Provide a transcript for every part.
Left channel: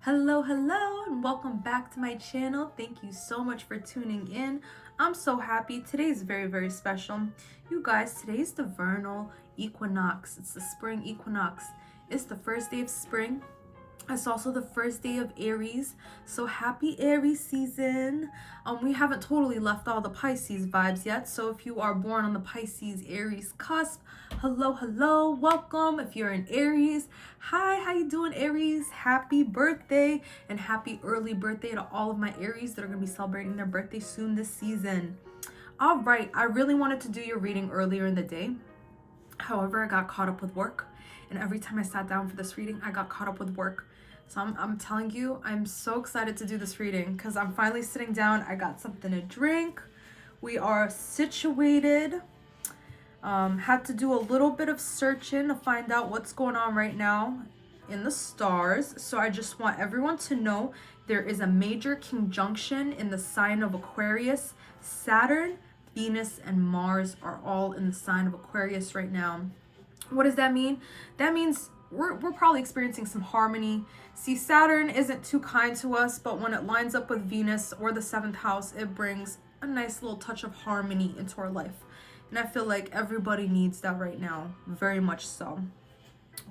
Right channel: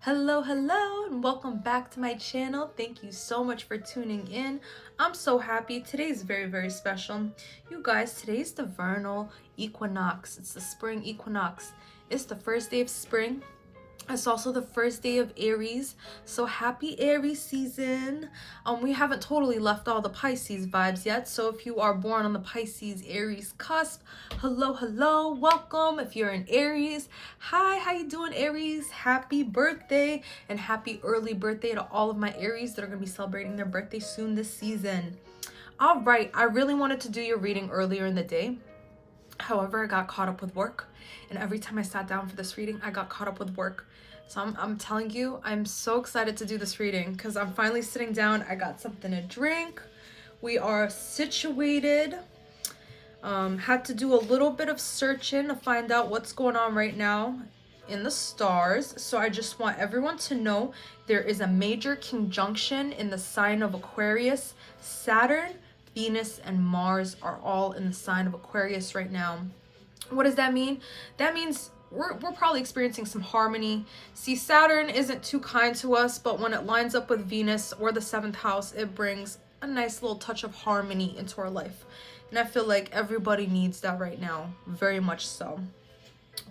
Hello, and welcome back to my channel. Thank you so much for tuning in. I'm so happy. Today is very special. You guys, today's the vernal equinox. It's the spring equinox. It's the first day of spring. It's also the first day of Aries, so happy Aries season. We haven't totally left all the Pisces vibes yet, so if you are born on the Pisces Aries cusp, hello, welcome. If you're an Aries, hi, how you doing, Aries? Happy birthday and happy early birthday to all of my Aries that are going to be celebrating their birthday soon this season. All right, I really wanted to do your reading earlier in the day. However, I got caught up with work, and every time I sat down for this reading, I got caught up with work. So I'm telling you, I'm so excited to do this reading because I'm finally sitting down. I got something to drink. We are situated. Had to do a little bit of searching to find out what's going on right now in the stars. So I just want everyone to know there is a major conjunction in the sign of Aquarius. Saturn, Venus, and Mars are all in the sign of Aquarius right now. What does that mean? That means we're probably experiencing some harmony. See, Saturn isn't too kind to us, but when it lines up with Venus or the 7th house, it brings a nice little touch of harmony into our life. And I feel like everybody needs that right now, very much so.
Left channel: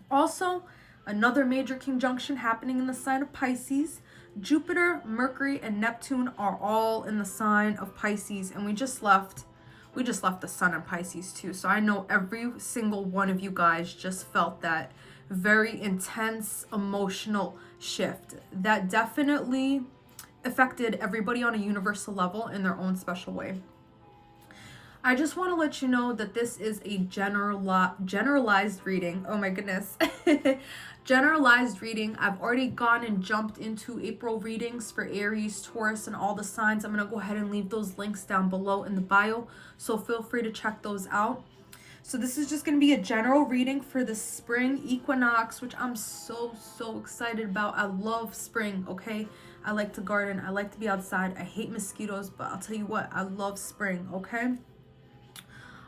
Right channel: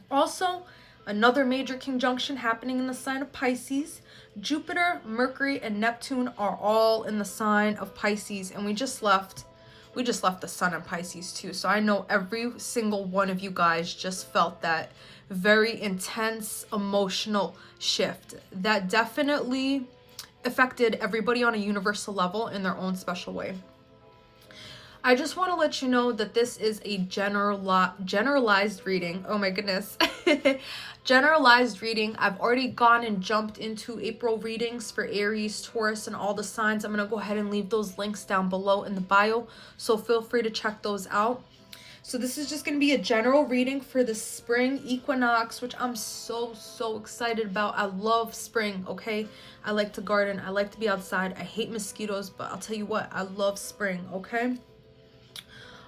Also, another major conjunction happening in the sign of Pisces. Jupiter, Mercury, and Neptune are all in the sign of Pisces, and we just left the sun in Pisces too. So I know every single one of you guys just felt that very intense emotional shift that definitely affected everybody on a universal level in their own special way. I just want to let you know that this is a generalized reading. Oh my goodness. Generalized reading. I've already gone and jumped into April readings for Aries, Taurus, and all the signs. I'm going to go ahead and leave those links down below in the bio, so feel free to check those out. So this is just going to be a general reading for the spring equinox, which I'm so excited about. I love spring, okay? I like to garden. I like to be outside. I hate mosquitoes, but I'll tell you what, I love spring, okay?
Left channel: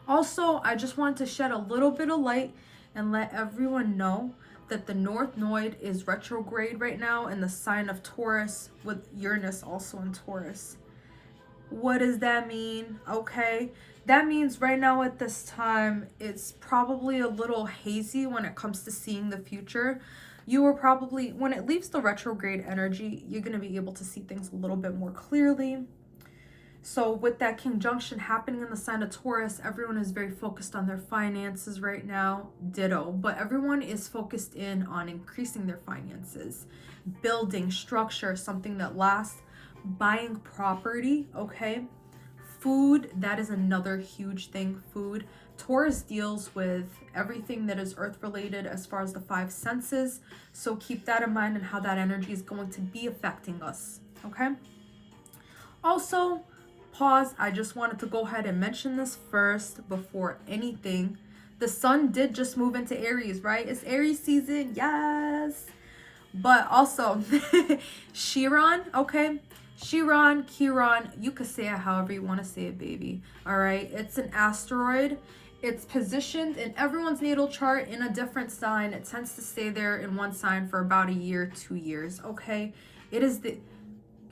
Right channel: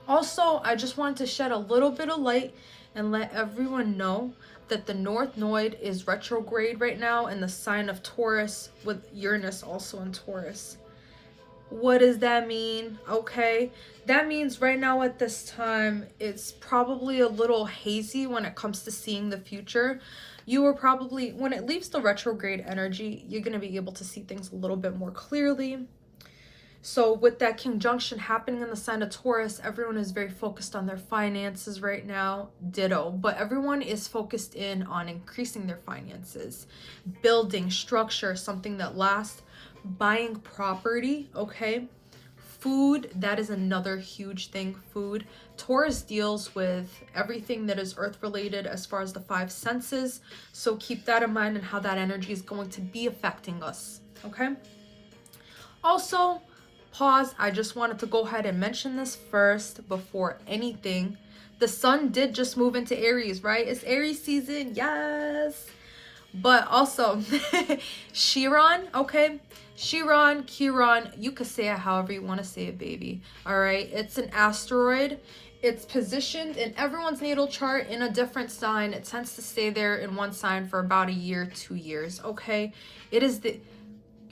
Also, I just wanted to shed a little bit of light and let everyone know that the North Node is retrograde right now in the sign of Taurus, with Uranus also in Taurus. What does that mean? Okay, that means right now at this time, it's probably a little hazy when it comes to seeing the future. You are probably, when it leaves the retrograde energy, you're going to be able to see things a little bit more clearly. So with that conjunction happening in the sign of Taurus, everyone is very focused on their finances right now. Ditto. But everyone is focused in on increasing their finances, building structure, something that lasts, buying property, okay? Food, that is another huge thing. Food. Taurus deals with everything that is earth related as far as the 5 senses. So keep that in mind and how that energy is going to be affecting us, okay? Also, pause. I just wanted to go ahead and mention this first before anything. The sun did just move into Aries, right? It's Aries season, yes. But also, Chiron, okay? Chiron, you could say it however you want to say it, baby. All right? It's an asteroid. It's positioned in everyone's natal chart in a different sign. It tends to stay there in one sign for about a year, 2 years, okay? It is the...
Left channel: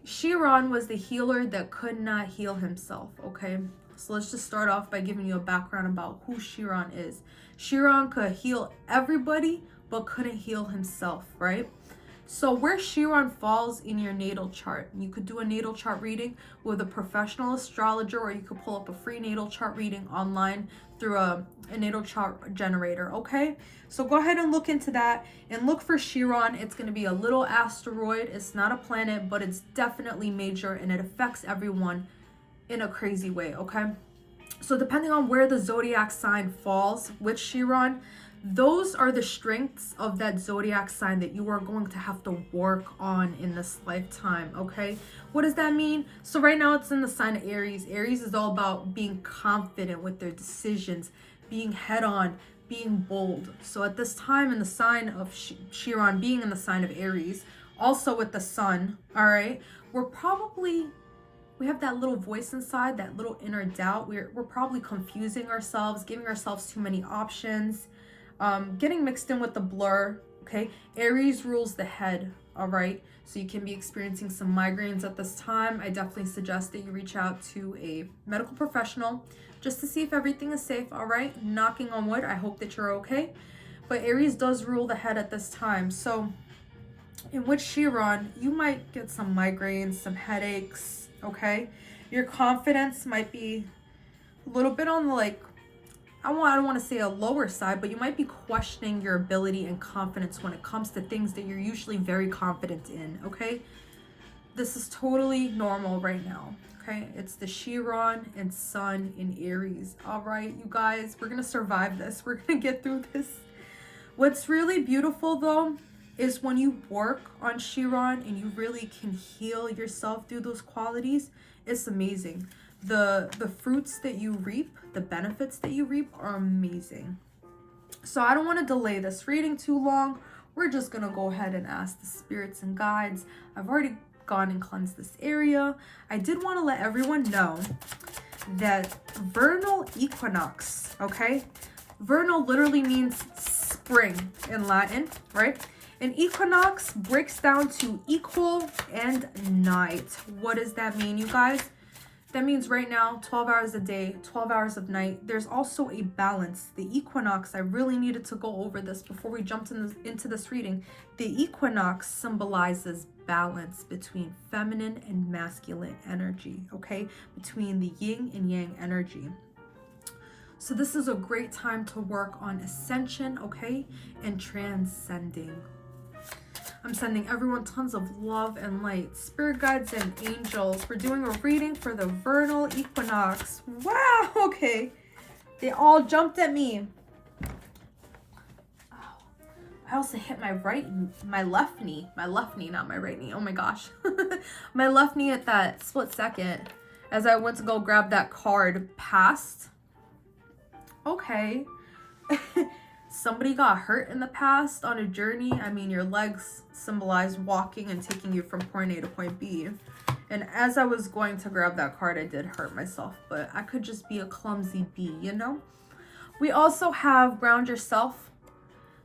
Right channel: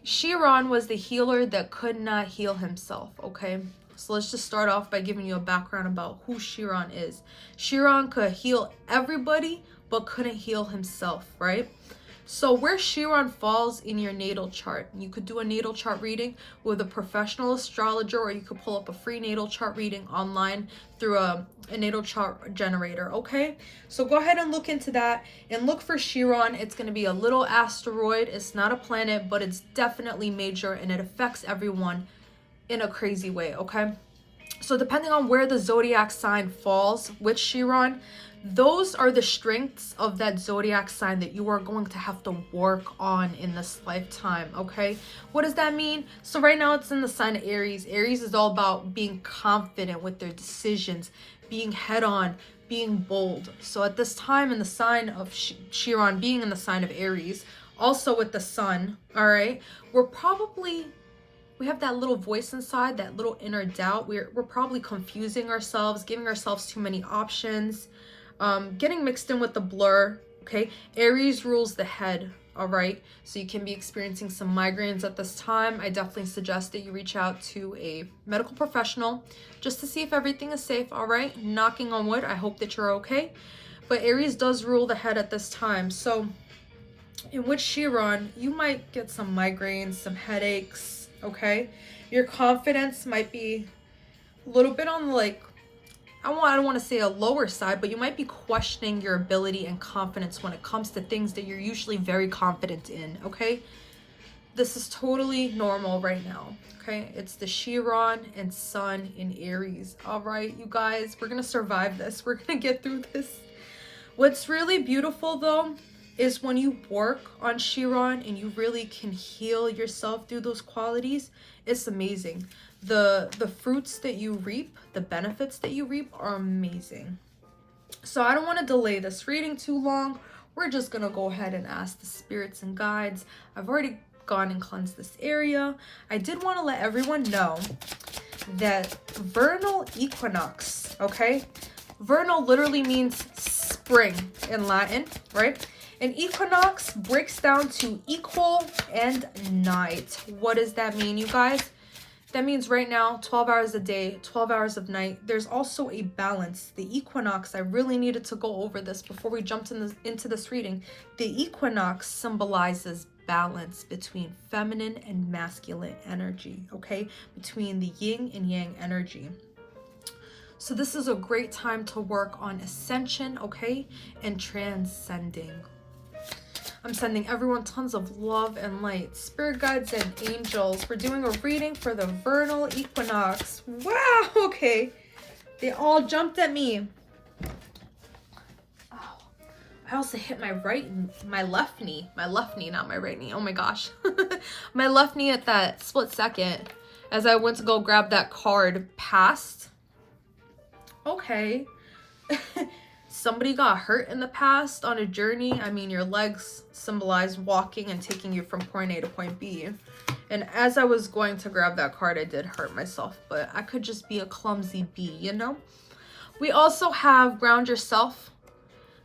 Chiron was the healer that could not heal himself, okay? So let's just start off by giving you a background about who Chiron is. Chiron could heal everybody, but couldn't heal himself, right? So where Chiron falls in your natal chart, you could do a natal chart reading with a professional astrologer, or you could pull up a free natal chart reading online through a natal chart generator, okay? So go ahead and look into that and look for Chiron. It's going to be a little asteroid. It's not a planet, but it's definitely major, and it affects everyone in a crazy way, okay? So depending on where the zodiac sign falls with Chiron, those are the strengths of that zodiac sign that you are going to have to work on in this lifetime, okay? What does that mean? So right now it's in the sign of Aries. Aries is all about being confident with their decisions, being head on, being bold. So at this time in the sign of Chiron being in the sign of Aries, also with the sun, all right, we have that little voice inside, that little inner doubt. We're probably confusing ourselves, giving ourselves too many options, getting mixed in with the blur, Okay, Aries rules the head. All right, so you can be experiencing some migraines at this time. I definitely suggest that you reach out to a medical professional just to see if everything is safe. All right, knocking on wood, I hope that you're okay. But Aries does rule the head at this time. So in which Chiron, you might get some migraines, some headaches. Okay, your confidence might be a little bit on the, like, I don't want to say a lower side, but you might be questioning your ability and confidence when it comes to things that you're usually very confident in, okay? This is totally normal right now, okay? It's the Chiron and Sun in Aries. All right, you guys, we're going to survive this. We're going to get through this. What's really beautiful, though, is when you work on Chiron and you really can heal yourself through those qualities, it's amazing. The fruits that you reap, the benefits that you reap are amazing. So I don't want to delay this reading too long. We're just going to go ahead and ask the spirits and guides. I've already gone and cleansed this area. I did want to let everyone know that vernal equinox, okay? Vernal literally means spring in Latin, right? And equinox breaks down to equal and night. What does that mean, you guys? That means right now, 12 hours a day, 12 hours of night. There's also a balance. The equinox, I really needed to go over this before we jumped into this reading. The equinox symbolizes balance between feminine and masculine energy, okay? Between the yin and yang energy. So this is a great time to work on ascension, okay? And transcending. I'm sending everyone tons of love and light. Spirit guides and angels. We're doing a reading for the vernal equinox. Wow, okay. They all jumped at me. Ow. I also hit my left knee. My left knee, not my right knee. Oh my gosh. My left knee at that split second as I went to go grab that card passed. Okay. Somebody got hurt in the past on a journey. I mean, your legs symbolize walking and taking you from point A to point B. And as I was going to grab that card, I did hurt myself, but I could just be a clumsy bee, you know? We also have ground yourself.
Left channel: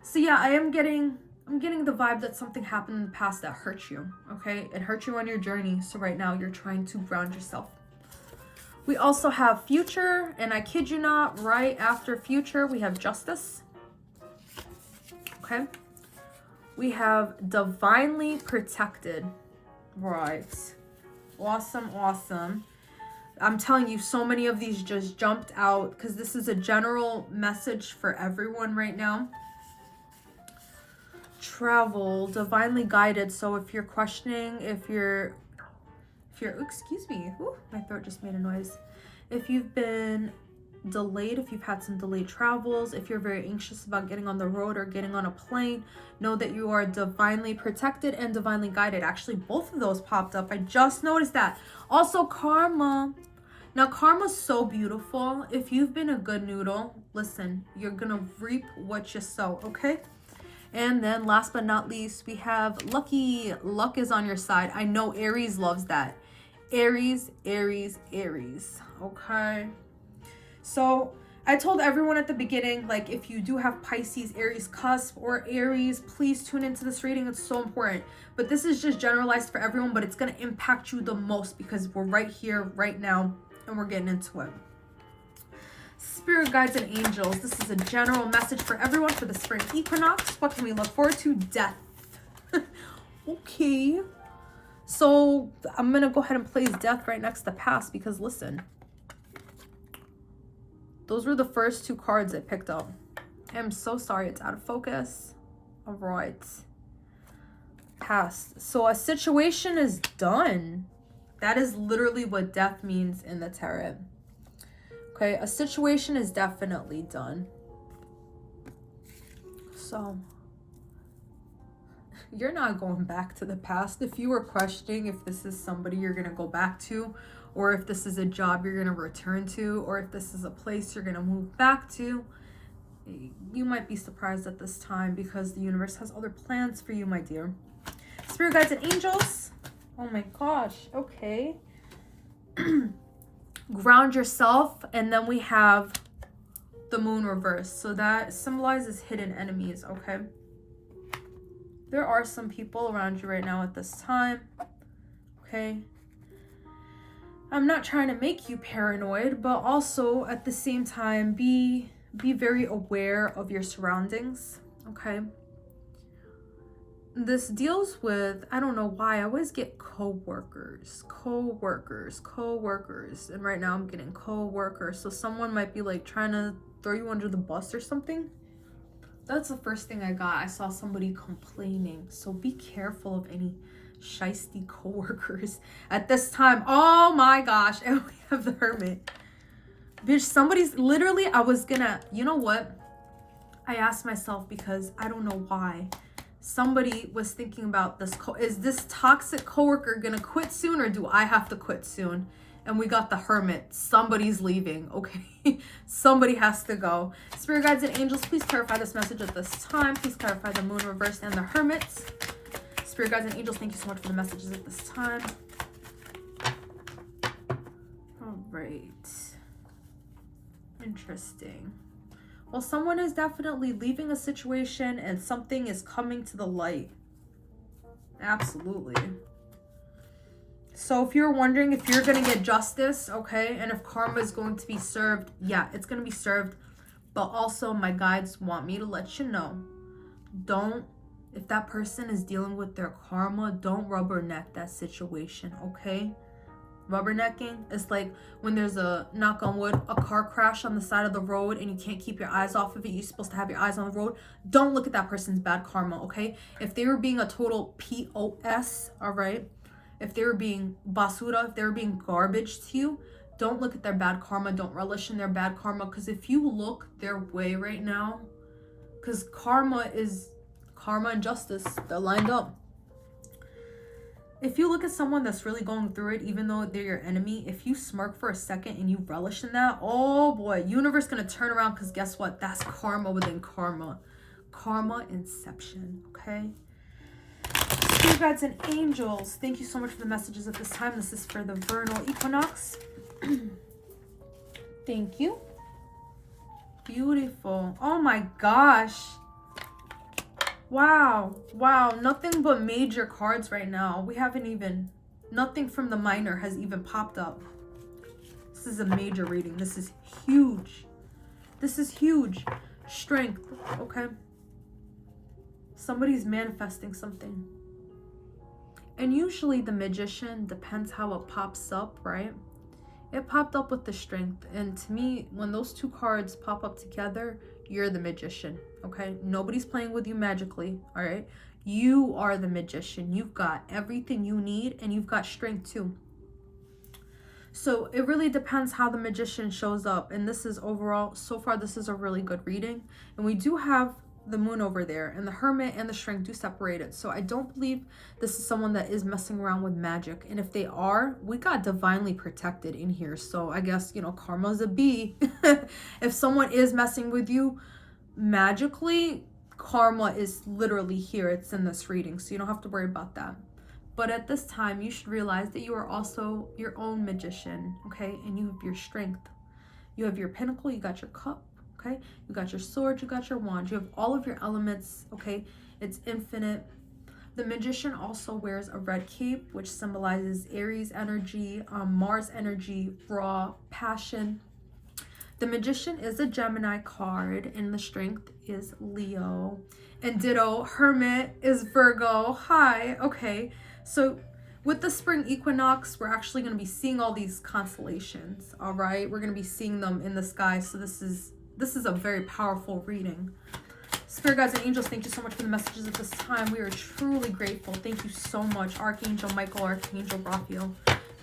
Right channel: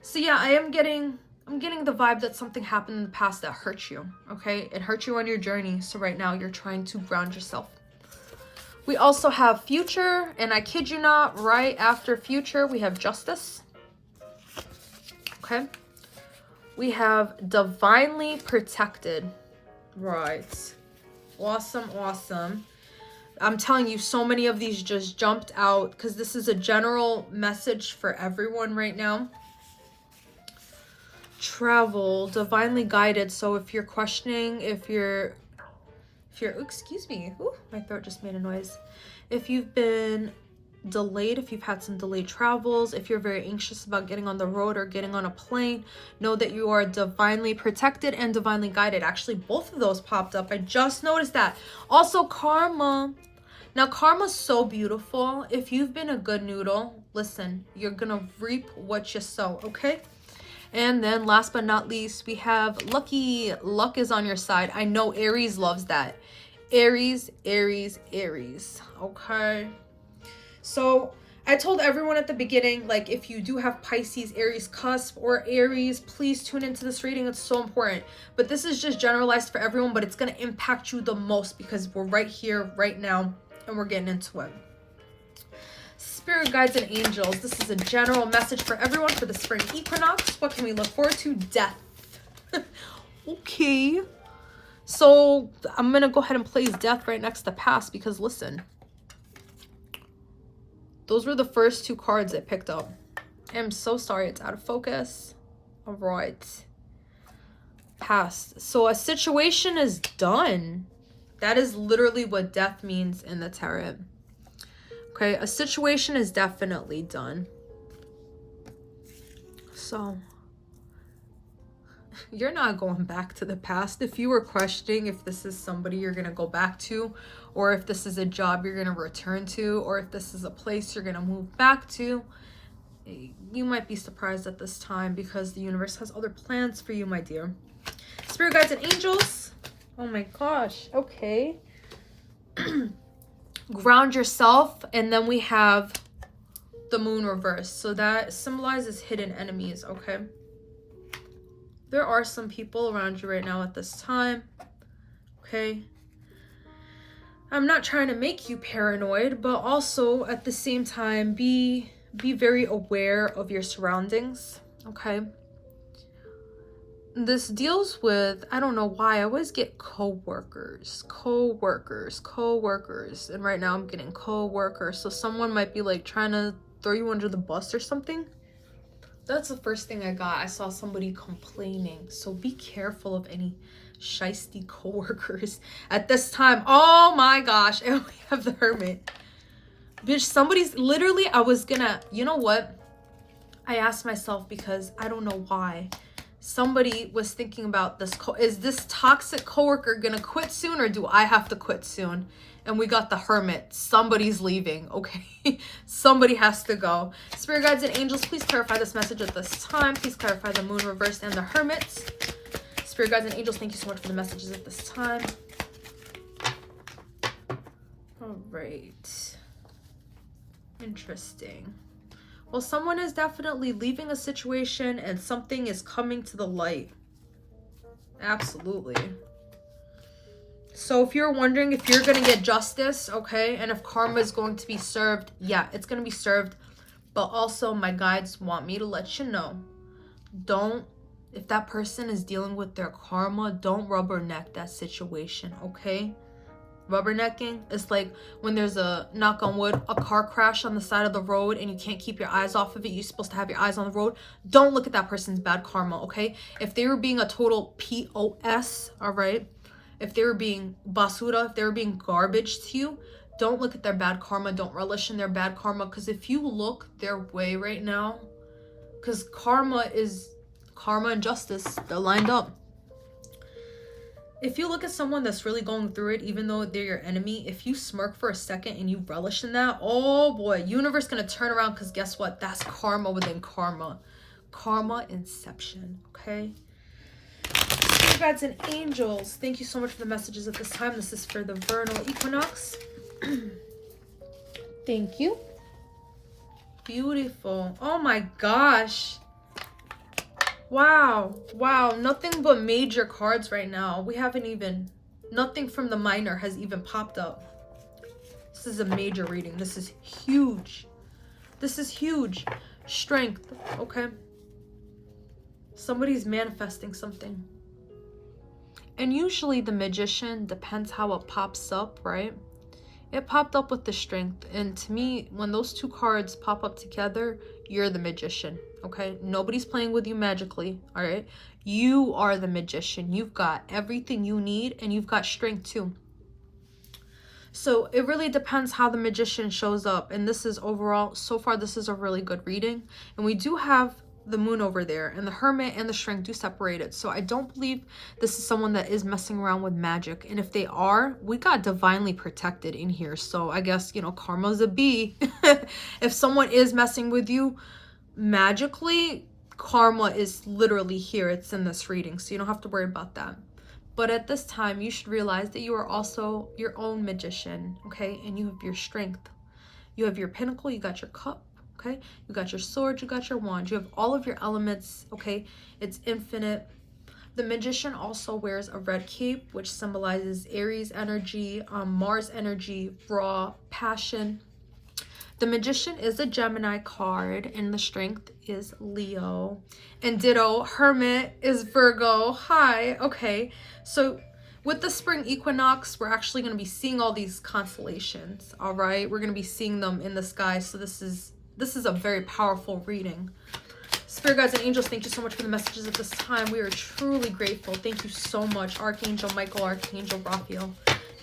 So yeah, I'm getting the vibe that something happened in the past that hurt you, okay? It hurt you on your journey. So right now you're trying to ground yourself. We also have future, and I kid you not, right after future, we have justice. Okay, we have divinely protected. Right, awesome, awesome. I'm telling you, so many of these just jumped out because this is a general message for everyone right now. Travel, divinely guided. So if you're questioning, if you're excuse me, ooh, my throat just made a noise. If you've been delayed, if you've had some delayed travels, if you're very anxious about getting on the road or getting on a plane, know that you are divinely protected and divinely guided. Actually, both of those popped up. I just noticed that. Also, karma. Now, karma's so beautiful. If you've been a good noodle, listen, you're gonna reap what you sow, okay? And then last but not least, we have lucky. Luck is on your side. I know Aries loves that. Aries, Aries, Aries, okay? So I told everyone at the beginning, like, if you do have Pisces, Aries cusp, or Aries, please tune into this reading. It's so important. But this is just generalized for everyone, but it's going to impact you the most because we're right here, right now, and we're getting into it. Spirit guides and angels. This is a general message for everyone for the spring equinox. What can we look forward to? Death. Okay. So I'm going to go ahead and place death right next to past because, listen, those were the first two cards I picked up. I'm so sorry it's out of focus. All right. Past. So a situation is done. That is literally what death means in the tarot. Okay, a situation is definitely done. So you're not going back to the past. If you were questioning if this is somebody you're going to go back to, or if this is a job you're going to return to, or if this is a place you're going to move back to, you might be surprised at this time because the universe has other plans for you, my dear. Spirit guides and angels. Oh my gosh. Okay. Ground yourself. And then we have the moon reverse. So that symbolizes hidden enemies. Okay. There are some people around you right now at this time, okay? I'm not trying to make you paranoid, but also at the same time, be very aware of your surroundings, okay? This deals with, I don't know why, I always get co-workers, and right now I'm getting co-workers. So someone might be like trying to throw you under the bus or something. That's the first thing I got. I saw somebody complaining. So be careful of any shisty co-workers at this time. Oh my gosh, and we have the Hermit. Bitch, somebody's literally, I was gonna, you know what? I asked myself because I don't know why. Somebody was thinking about this. Is this toxic coworker gonna quit soon, or do I have to quit soon? And we got the Hermit. Somebody's leaving, okay? Somebody has to go. Spirit guides and angels, please clarify this message at this time. Please clarify the moon reversed and the Hermits. Spirit guides and angels, thank you so much for the messages at this time. All right. Interesting. Well, someone is definitely leaving a situation and something is coming to the light. Absolutely. So if you're wondering if you're going to get justice, okay, and if karma is going to be served, yeah, it's going to be served. But also my guides want me to let you know, if that person is dealing with their karma, don't rubberneck that situation, okay? Rubbernecking is like when there's a, knock on wood, a car crash on the side of the road and you can't keep your eyes off of it. You're supposed to have your eyes on the road. Don't look at that person's bad karma, okay? If they were being a total POS, all right? If they were being basura, if they were being garbage to you, don't look at their bad karma. Don't relish in their bad karma. Because if you look their way right now, because karma and justice, they're lined up. If you look at someone that's really going through it, even though they're your enemy, if you smirk for a second and you relish in that, oh boy, universe gonna turn around, because guess what? That's karma within karma. Karma inception, okay? Spirit guides and angels, thank you so much for the messages at this time. This is for the vernal equinox. Thank you. Beautiful. Oh my gosh. Wow, nothing but major cards right now. We haven't even, nothing from the minor has even popped up. This is a major reading. This is huge. This is huge. Strength, okay? Somebody's manifesting something. And usually the magician, depends how it pops up, right? It popped up with the strength. And to me, when those two cards pop up together, you're the magician, okay? Nobody's playing with you magically, all right? You are the magician. You've got everything you need, and you've got strength too. So it really depends how the magician shows up. And this is overall, so far, this is a really good reading. And we do have the moon over there, and the hermit and the strength do separate it. So I don't believe this is someone that is messing around with magic. And if they are, we got divinely protected in here. So I guess, you know, karma's a B. If someone is messing with you magically, karma is literally here. It's in this reading, so you don't have to worry about that. But at this time, you should realize that you are also your own magician, okay? And you have your strength. You have your pinnacle, you got your cup, okay? You got your sword, you got your wand. You have all of your elements, okay? It's infinite. The magician also wears a red cape, which symbolizes Aries energy, Mars energy, raw passion. The magician is a Gemini card, and the strength is Leo. And ditto, hermit is Virgo. Hi, okay. So with the spring equinox, we're actually going to be seeing all these constellations, all right? We're going to be seeing them in the sky. So this is a very powerful reading. Spirit guides and angels, thank you so much for the messages at this time. We are truly grateful. Thank you so much. Archangel Michael, Archangel Raphael,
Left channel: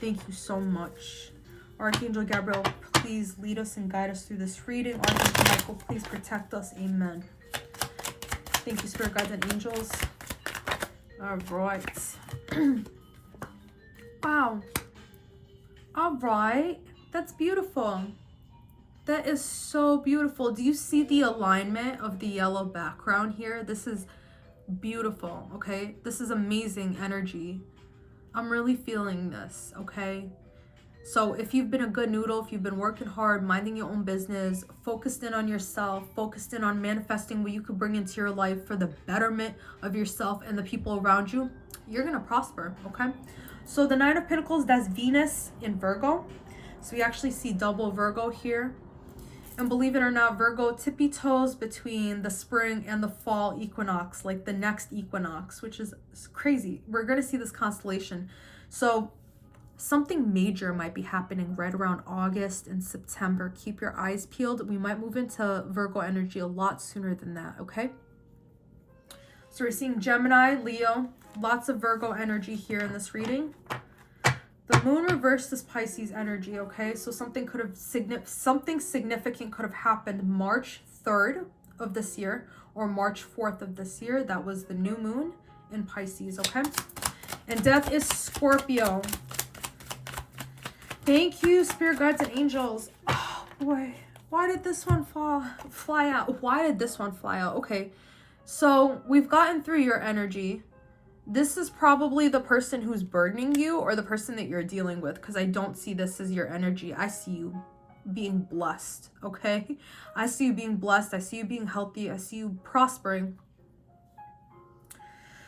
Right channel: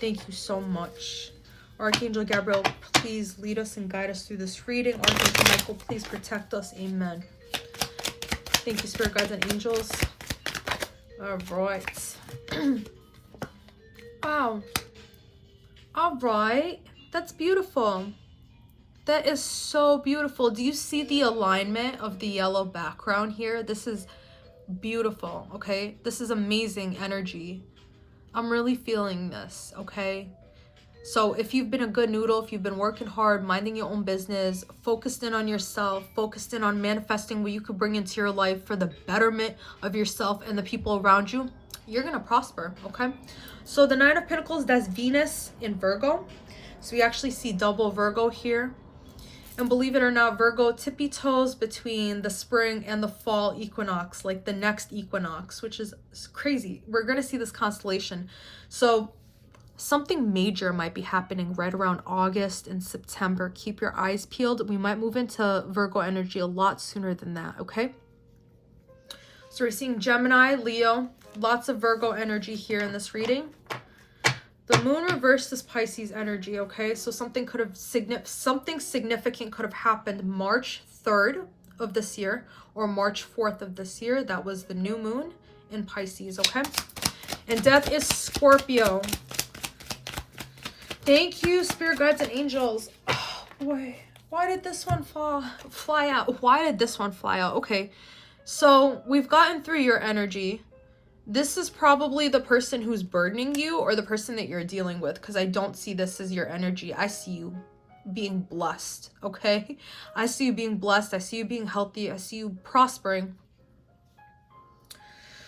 thank you so much. Archangel Gabriel, please lead us and guide us through this reading. Archangel Michael, please protect us. Amen. Thank you, Spirit guides and angels. All right. Wow. All right. That's beautiful. That is so beautiful. Do you see the alignment of the yellow background here? This is beautiful, okay? This is amazing energy. I'm really feeling this, okay? So if you've been a good noodle, if you've been working hard, minding your own business, focused in on yourself, focused in on manifesting what you could bring into your life for the betterment of yourself and the people around you, you're going to prosper, okay? So the Nine of Pentacles, that's Venus in Virgo. So we actually see double Virgo here. And believe it or not, Virgo tippy toes between the spring and the fall equinox, like the next equinox, which is crazy. We're going to see this constellation. So something major might be happening right around August and September. Keep your eyes peeled. We might move into Virgo energy a lot sooner than that, okay? So we're seeing Gemini, Leo, lots of Virgo energy here in this reading. The moon reversed is Pisces energy, okay? So something could have something significant could have happened March 3rd of this year or March 4th of this year. That was the new moon in Pisces, okay? And death is Scorpio. Thank you, spirit guides and angels. Oh boy, why did this one fly out? Why did this one fly out? Okay, so we've gotten through your energy. This is probably the person who's burdening you or the person that you're dealing with, because I don't see this as your energy. I see you being blessed, okay? I see you being blessed. I see you being healthy. I see you prospering.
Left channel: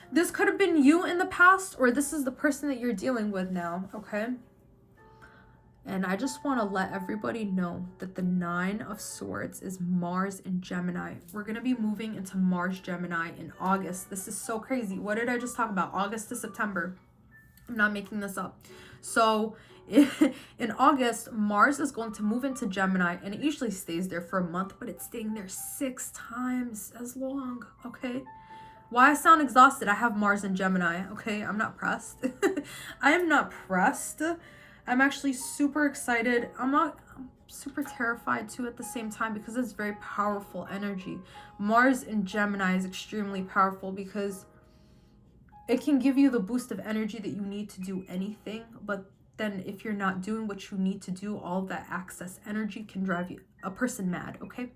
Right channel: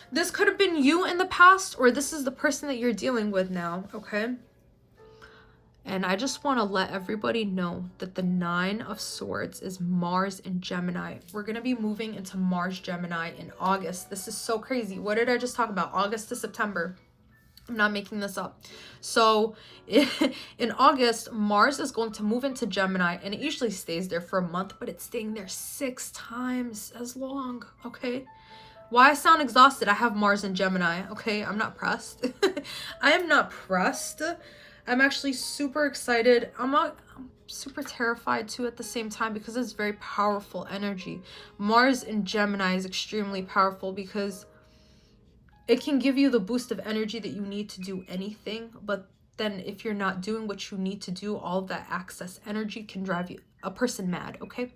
This could have been you in the past, or this is the person that you're dealing with now, okay? And I just want to let everybody know that the Nine of Swords is Mars in Gemini. We're going to be moving into Mars Gemini in August. This is so crazy. What did I just talk about? August to September. I'm not making this up. So in August, Mars is going to move into Gemini, and it usually stays there for a month, but it's staying there 6 times as long, okay? Why I sound exhausted? I have Mars in Gemini, okay? I'm not pressed. I am not pressed. I'm actually super excited. I'm super terrified too at the same time, because it's very powerful energy. Mars in Gemini is extremely powerful because it can give you the boost of energy that you need to do anything. But then if you're not doing what you need to do, all of that excess energy can drive a person mad, okay?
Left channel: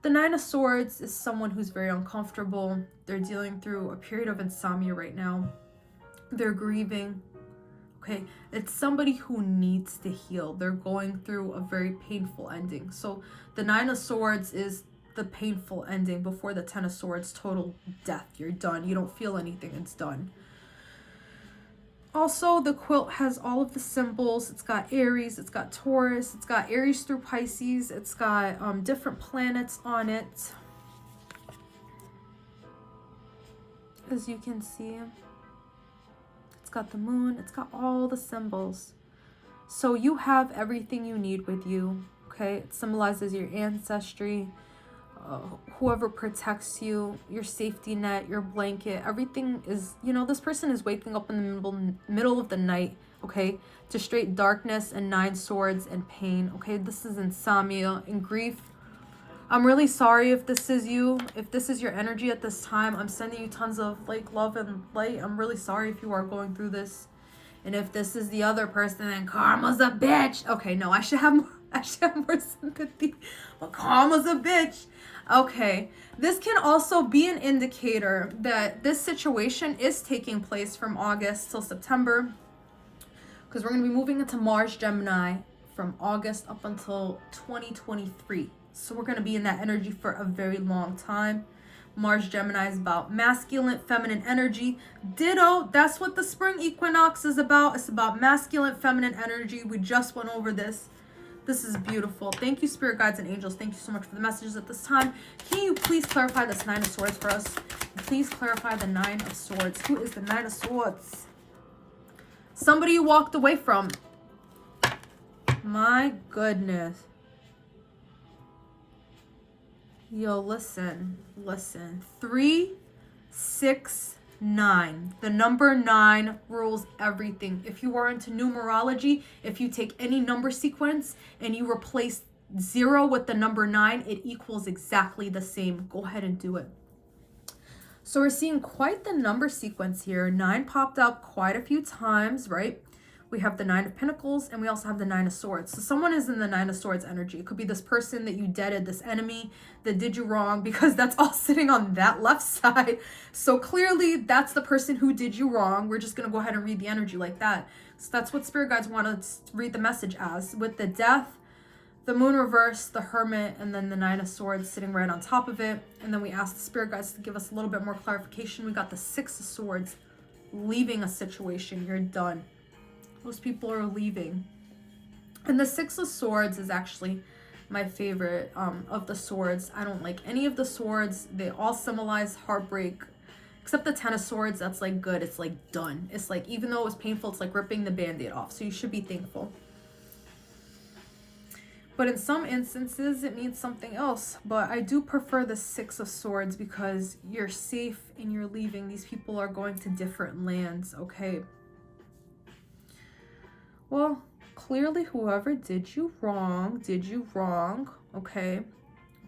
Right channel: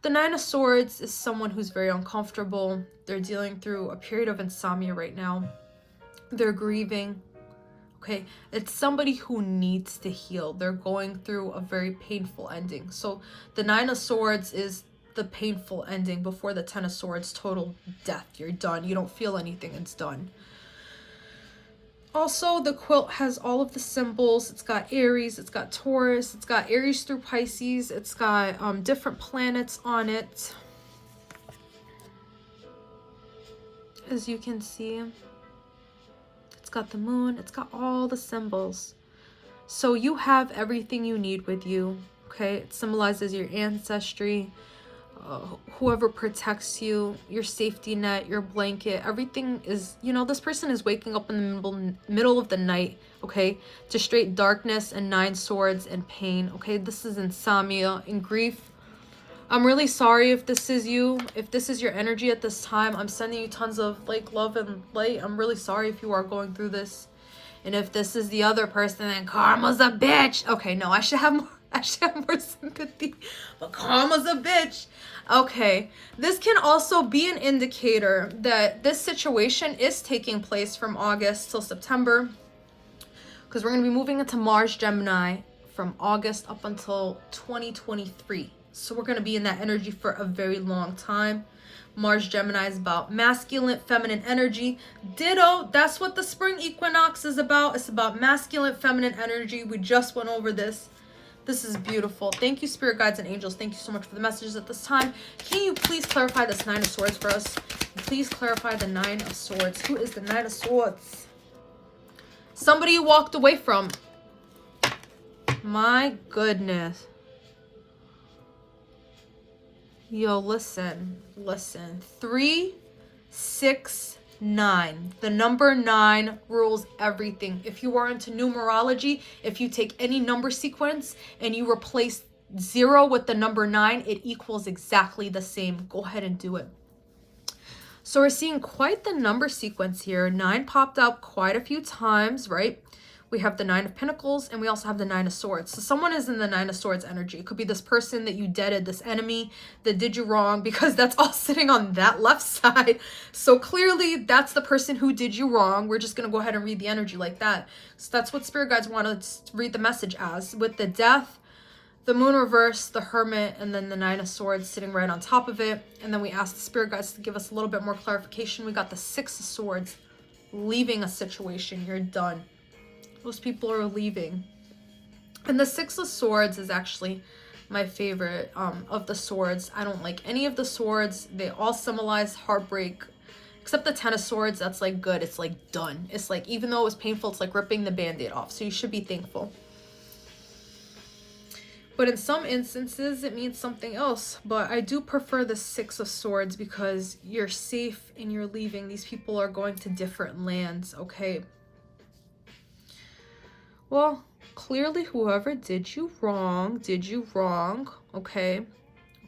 The Nine of Swords is someone who's very uncomfortable. They're dealing through a period of insomnia right now. They're grieving. Okay, it's somebody who needs to heal. They're going through a very painful ending. So the Nine of Swords is the painful ending before the Ten of Swords, total death. You're done. You don't feel anything. It's done. Also, the quilt has all of the symbols. It's got Aries, it's got Taurus, it's got Aries through Pisces. It's got different planets on it, as you can see. Got the moon, it's got all the symbols. So you have everything you need with you, okay? It symbolizes your ancestry, whoever protects you, your safety net, your blanket. Everything is, you know, this person is waking up in the middle of the night, okay, to straight darkness and 9 swords and pain, okay? This is insomnia and grief. I'm really sorry if this is you, if this is your energy at this time. I'm sending you tons of like love and light. I'm really sorry if you are going through this. And if this is the other person, then karma's a bitch. Okay, no, I should have more sympathy. But karma's a bitch. Okay, this can also be an indicator that this situation is taking place from August till September, because we're going to be moving into Mars Gemini from August up until 2023. So we're going to be in that energy for a very long time. Mars Gemini is about masculine, feminine energy. Ditto, that's what the spring equinox is about. It's about masculine, feminine energy. We just went over this. This is beautiful. Thank you, spirit guides and angels. Thank you so much for the messages at this time. Can you please clarify this Nine of Swords for us? Please clarify the Nine of Swords. Who is the Nine of Swords? Somebody you walked away from. My goodness. Yo, listen. 3, 6, 9. The number 9 rules everything. If you are into numerology, if you take any number sequence and you replace 0 with the number 9, it equals exactly the same. Go ahead and do it. So we're seeing quite the number sequence here. 9 popped up quite a few times, right? we have the Nine of Pentacles, and we also have the Nine of Swords. So someone is in the Nine of Swords energy. It could be this person that you deaded, this enemy that did you wrong, because that's all sitting on that left side. So clearly that's the person who did you wrong. We're just going to go ahead and read the energy like that. So that's what spirit guides want us to read the message as, with the Death, the Moon reverse, the Hermit, and then the Nine of Swords sitting right on top of it. And then we ask the spirit guides to give us a little bit more clarification. We got the Six of Swords, leaving a situation. You're done. Those people are leaving. And the Six of Swords is actually my favorite of the swords. I don't like any of the swords. They all symbolize heartbreak, except the Ten of Swords. That's like good. It's like done. It's like, even though it was painful, it's like ripping the band-aid off. So you should be thankful. But in some instances, it means something else. But I do prefer the Six of Swords because you're safe and you're leaving. These people are going to different lands, okay? Well, clearly whoever did you wrong, okay?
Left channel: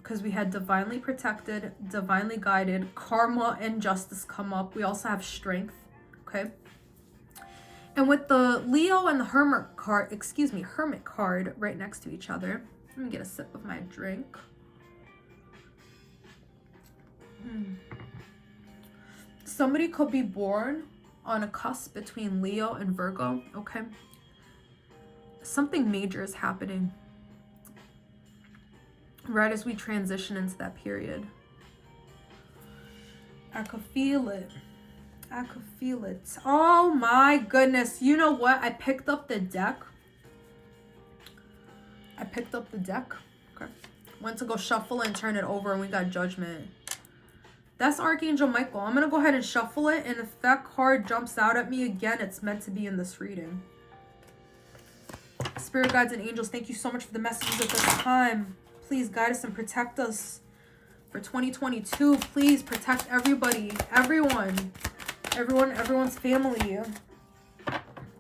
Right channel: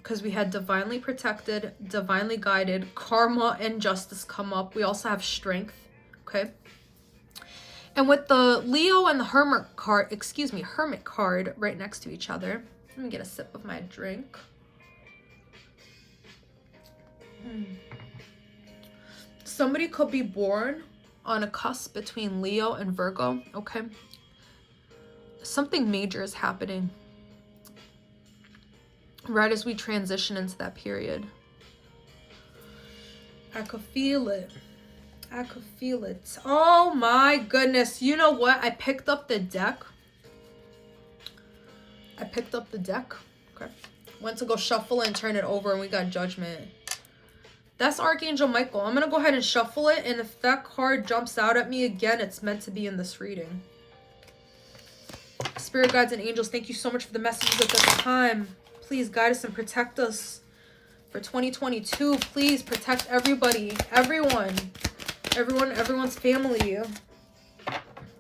Because we had divinely protected, divinely guided, karma and justice come up. We also have strength, okay? And with the Leo and the Hermit card right next to each other. Let me get a sip of my drink. Somebody could be born on a cusp between Leo and Virgo, okay? Something major is happening right as we transition into that period. I could feel it. I could feel it. Oh my goodness. You know what? I picked up the deck. Okay. Went to go shuffle it and turn it over, and we got Judgment. That's Archangel Michael. I'm going to go ahead and shuffle it, and if that card jumps out at me again, it's meant to be in this reading. Spirit guides and angels, thank you so much for the messages at this time. Please guide us and protect us for 2022. Please protect everybody, everyone's family.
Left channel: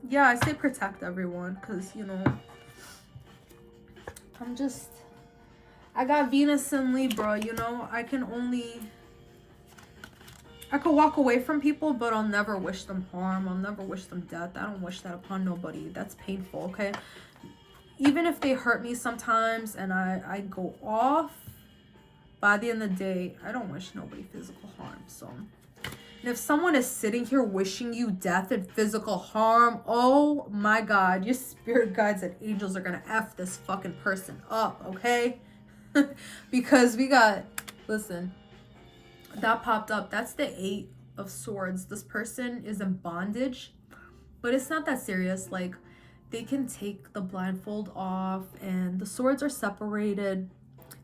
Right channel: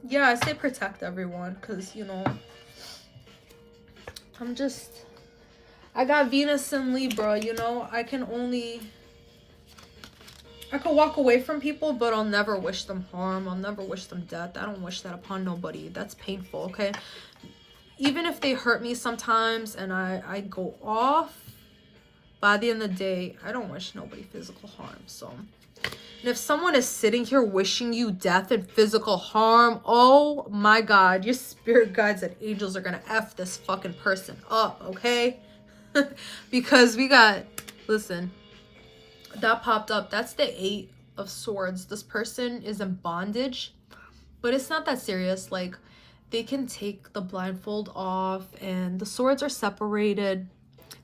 Yeah, I say protect everyone because, you know, I got Venus and Libra, you know. I could walk away from people, but I'll never wish them harm. I'll never wish them death. I don't wish that upon nobody. That's painful, okay? Even if they hurt me sometimes and I go off, by the end of the day, I don't wish nobody physical harm. So, and if someone is sitting here wishing you death and physical harm, oh my God, your spirit guides and angels are gonna F this fucking person up, okay? Because we got, listen, that popped up. That's the Eight of Swords. This person is in bondage, but it's not that serious. Like, they can take the blindfold off and the swords are separated,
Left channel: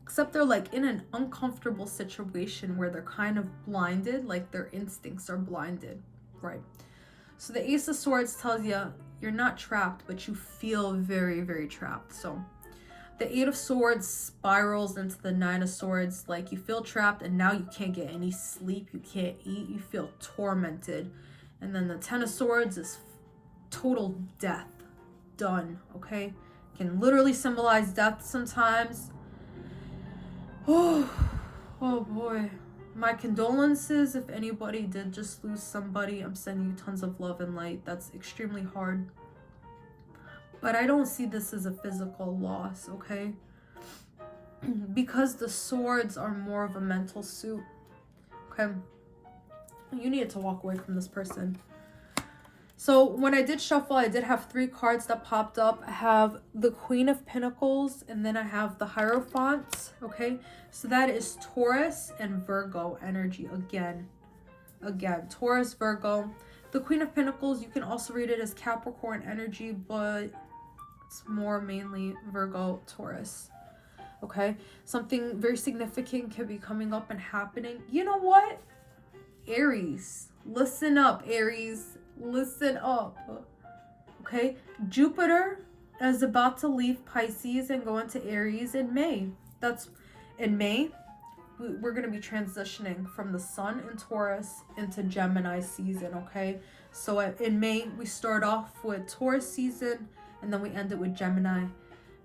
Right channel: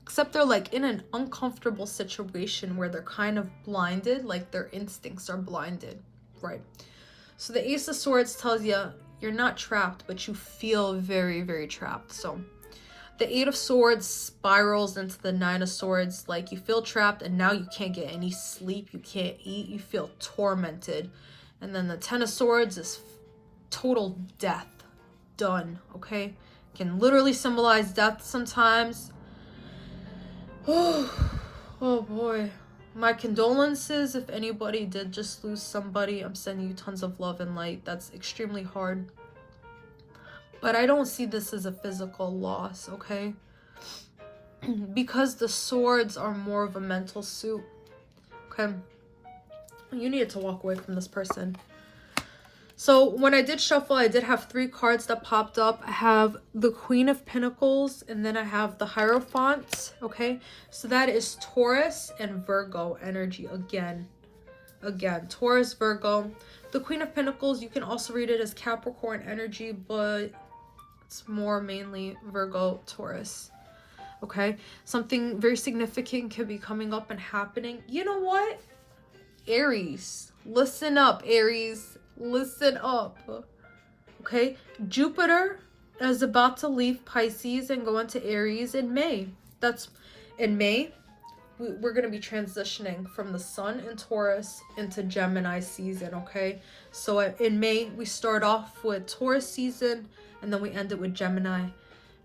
except they're like in an uncomfortable situation where they're kind of blinded, like their instincts are blinded, right? So the Ace of Swords tells you you're not trapped, but you feel very, very trapped. So the Eight of Swords spirals into the Nine of Swords, like you feel trapped and now you can't get any sleep, you can't eat, you feel tormented. And then the Ten of Swords is total death. Done, okay? Can literally symbolize death sometimes. Oh boy. My condolences if anybody did just lose somebody. I'm sending you tons of love and light. That's extremely hard. But I don't see this as a physical loss, okay? Because the swords are more of a mental suit, okay? You need to walk away from this person. So when I did shuffle, I did have 3 cards that popped up. I have the Queen of Pentacles, and then I have the Hierophant, okay? So that is Taurus and Virgo energy again. Taurus, Virgo. The Queen of Pentacles, you can also read it as Capricorn energy, but it's more mainly Virgo, Taurus, okay? Something very significant could be coming up and happening. You know what? Aries, listen up, Aries. Listen up, okay? Jupiter is about to leave Pisces and go into Aries in May. That's in May. We're going to be transitioning from the sun in Taurus into Gemini season, okay? So in May, we start off with Taurus season and then we end it with Gemini.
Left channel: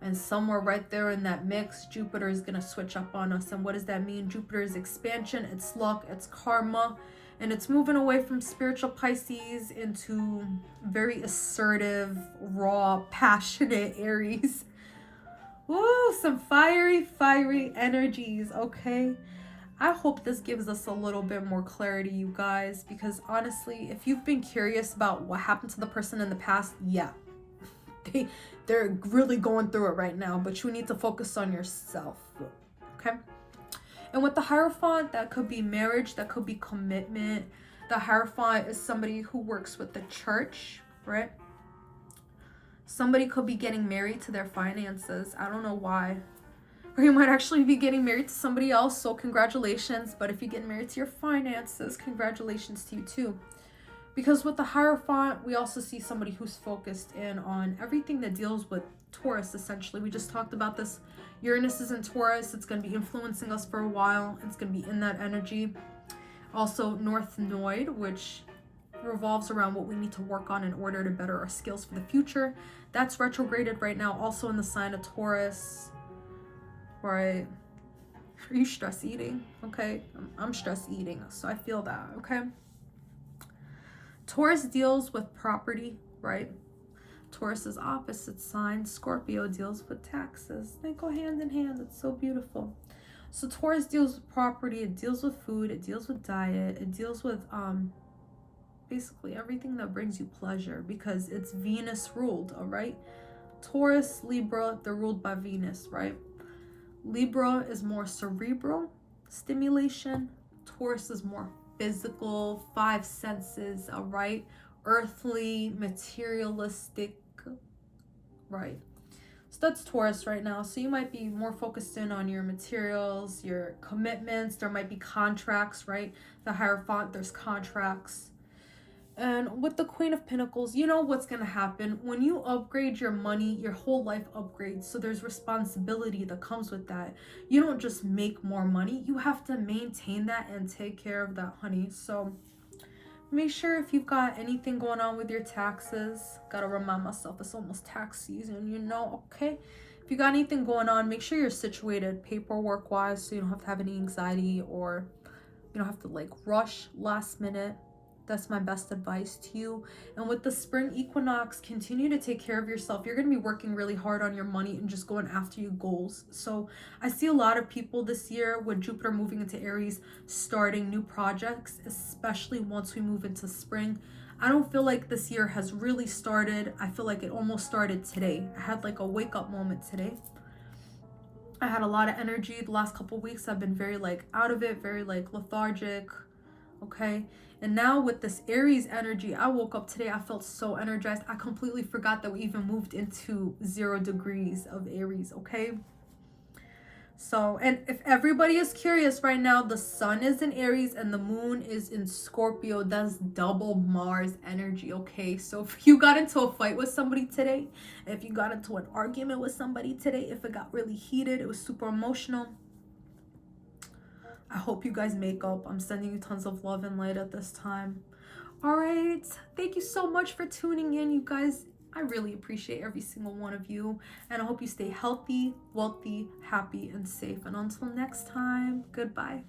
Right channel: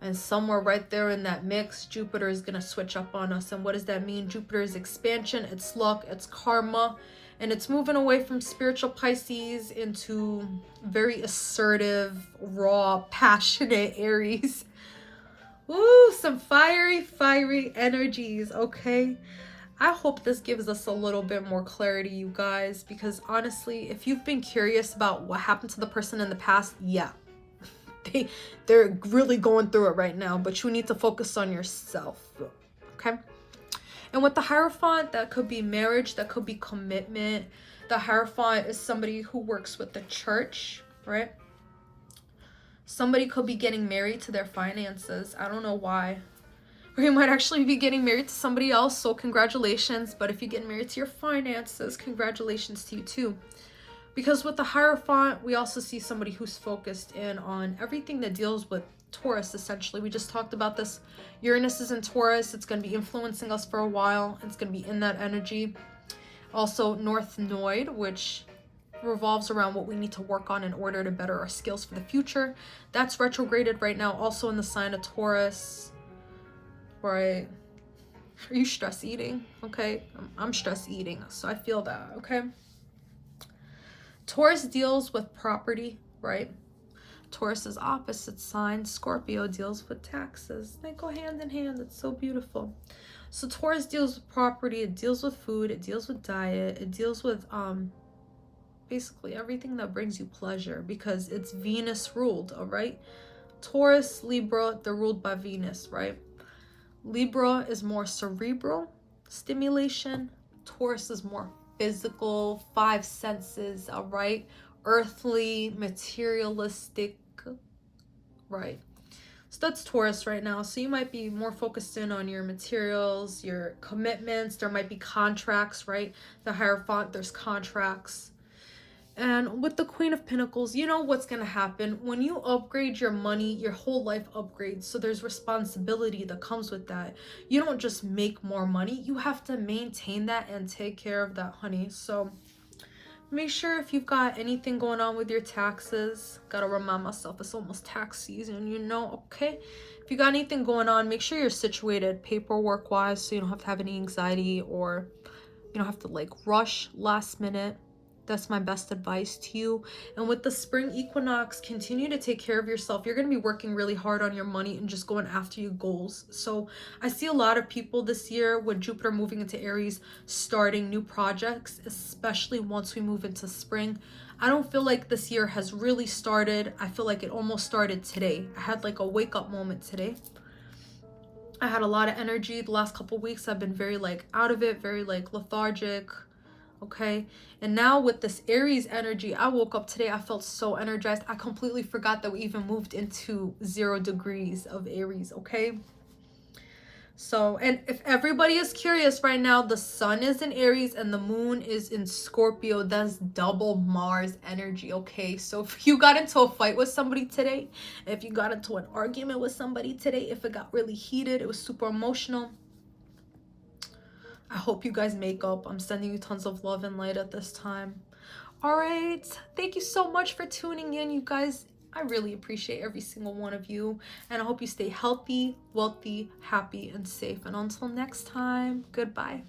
And somewhere right there in that mix, Jupiter is going to switch up on us. And what does that mean? Jupiter is expansion, it's luck, it's karma. And it's moving away from spiritual Pisces into very assertive, raw, passionate Aries. Woo, some fiery energies, okay? I hope this gives us a little bit more clarity, you guys, because honestly, if you've been curious about what happened to the person in the past, yeah, they're really going through it right now, but you need to focus on yourself, okay? And with the Hierophant, that could be marriage, that could be commitment. The Hierophant is somebody who works with the church, right? Somebody could be getting married to their finances. I don't know why. Or you might actually be getting married to somebody else, so congratulations. But if you get married to your finances, congratulations to you too. Because with the Hierophant, we also see somebody who's focused in on everything that deals with Taurus, essentially. We just talked about this. Uranus is in Taurus. It's going to be influencing us for a while. It's going to be in that energy. Also, North Node, which revolves around what we need to work on in order to better our skills for the future. That's retrograded right now, also in the sign of Taurus. Right? Are you stress eating? Okay, I'm stress eating, so I feel that, okay? Taurus deals with property, right? Taurus is opposite sign. Scorpio deals with taxes. They go hand in hand. It's so beautiful. So Taurus deals with property. It deals with food. It deals with diet. It deals with basically everything that brings you pleasure, because it's Venus ruled, all right? Taurus, Libra, they're ruled by Venus, right? Libra is more cerebral stimulation. Taurus is more physical, five senses, all right? Earthly, materialistic, right? So that's Taurus right now. So you might be more focused in on your materials, your commitments. There might be contracts, right? The Hierophant, there's contracts. And with the Queen of Pentacles, you know what's going to happen. When you upgrade your money, your whole life upgrades. So there's responsibility that comes with that. You don't just make more money. You have to maintain that and take care of that, honey. So make sure if you've got anything going on with your taxes, gotta remind myself it's almost tax season, you know, okay? If you got anything going on, make sure you're situated paperwork wise, so you don't have to have any anxiety, or you don't have to like rush last minute. That's my best advice to you. And with the spring equinox, continue to take care of yourself. You're going to be working really hard on your money and just going after your goals. So I see a lot of people this year with Jupiter moving into Aries starting new projects, especially once we move into spring. I don't feel like this year has really started. I feel like it almost started today. I had like a wake up moment today. I had a lot of energy the last couple weeks. I've been very like out of it, very like lethargic. Okay, and now with this Aries energy, I woke up today, I felt so energized. I completely forgot that we even moved into 0 degrees of Aries. Okay, so, and if everybody is curious right now, the sun is in Aries and the moon is in Scorpio. That's double Mars energy. Okay, so if you got into a fight with somebody today, if you got into an argument with somebody today, if it got really heated, it was super emotional, I hope you guys make up. I'm sending you tons of love and light at this time. All right. Thank you so much for tuning in, you guys. I really appreciate every single one of you. And I hope you stay healthy, wealthy, happy, and safe. And until next time, goodbye.